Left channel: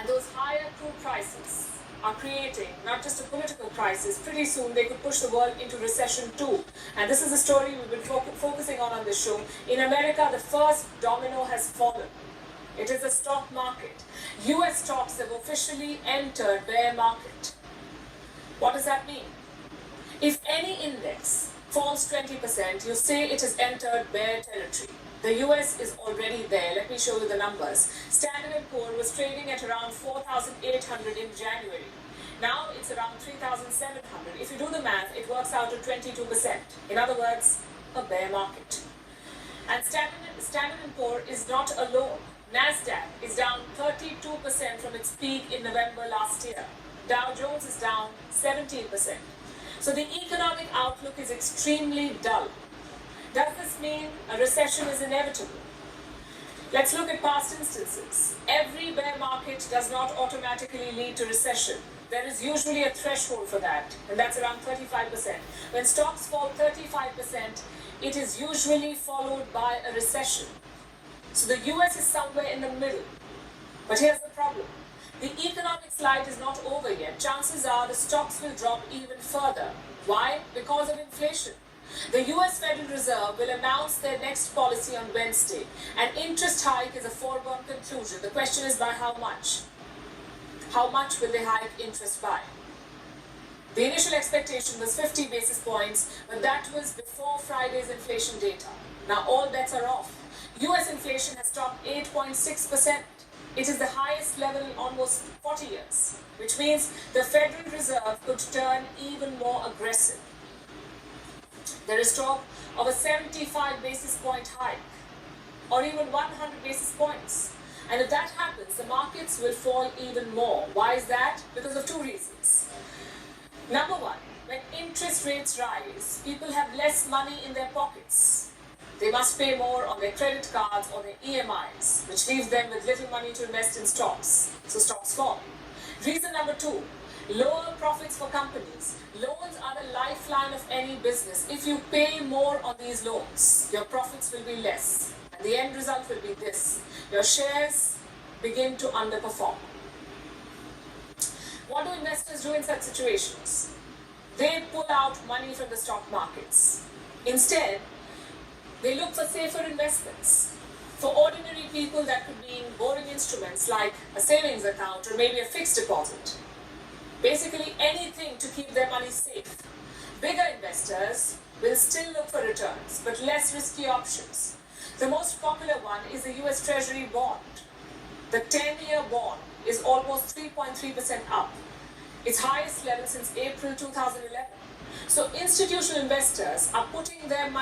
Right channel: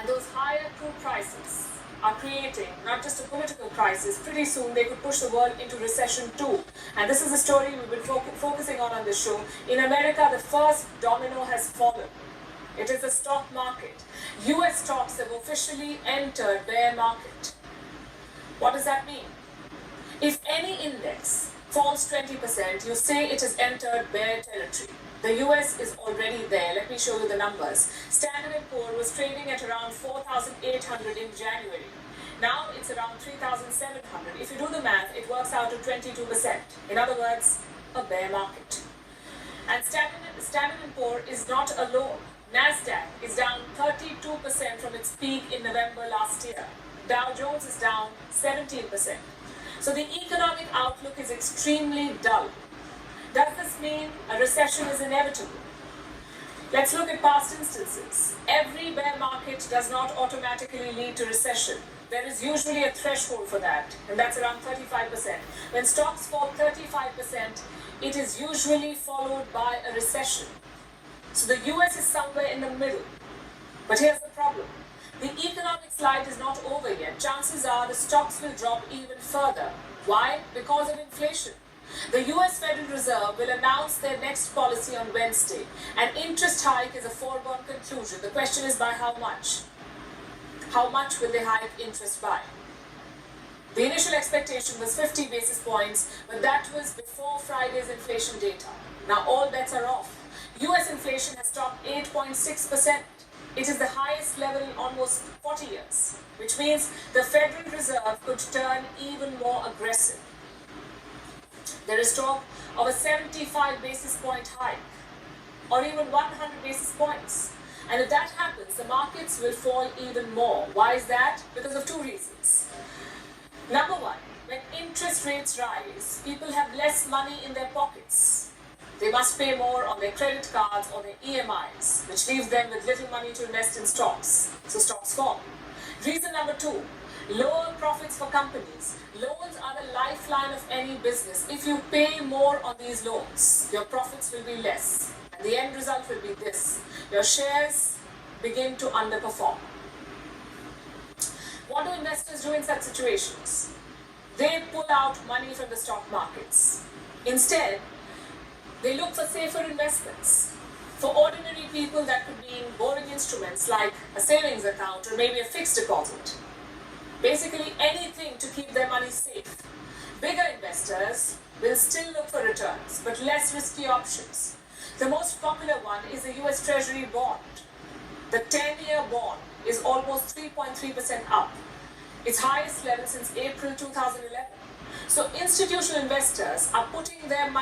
And those higher crude prices are creating not just a political crisis. Pretty soon they could push the world into recession too. And this is the story we've been focusing on this show. In America, the first domino has fallen. It is the stock market. US stocks have officially entered bear market. What does that mean? If any index falls 20%, you say it has entered bear territory. The US is already there. Let me show you the numbers. Standard & Poor was trading at around 4,800 in January. Now it's around 3,700. If you do the math, it works out to 22%. In other words, a bear market. And Standard & Poor is not alone. Nasdaq is down 32% from its peak in November last year. Dow Jones is down 17%. So the economic outlook is extremely dull. Does this mean a recession is inevitable? Let's look at past instances. Every bear market does not automatically lead to recession. There is usually a threshold for that, and that's around 35%. When stocks fall 35%, it is usually followed by a recession. So the US is somewhere in the middle. But here's the problem. The economic slide is not over yet. Chances are the stocks will drop even further. Why? Because of inflation. The US Federal Reserve will announce their next policy on Wednesday. An interest hike is a foregone conclusion. The question is by how much? How much will they hike interest by? The initial expectation was 50 basis points, but that was before Friday's inflation data. Now all bets are off. US inflation has topped 8.6%. It is the highest level in almost 40 years, which means the Federal Reserve could turn even more aggressive. There is talk of a 75 basis point hike, or even 100 basis points. And if that happens, the markets will fall even more. Why is that? Because of two reasons. Number one, when interest rates rise, people have less money in their pockets. They must pay more on their credit cards or their EMIs, which leaves them with little money to invest in stocks. So stocks fall. Reason number two, lower profits for companies. Loans are the lifeline of any business. If you pay more on these loans, your profits will be less. And the end result will be this. Your shares begin to underperform. What do investors do in such situations? They pull out money from the stock markets. Instead, they look for safer investments. For ordinary people, that could be in boring instruments like a savings account or maybe a fixed deposit. Basically anything to keep their money safe. Bigger investors will still look for returns, but less risky options. The most popular one is the US Treasury bond. The 10-year bond is almost 3.3% up, its highest level since April 2011. So institutional investors are putting their money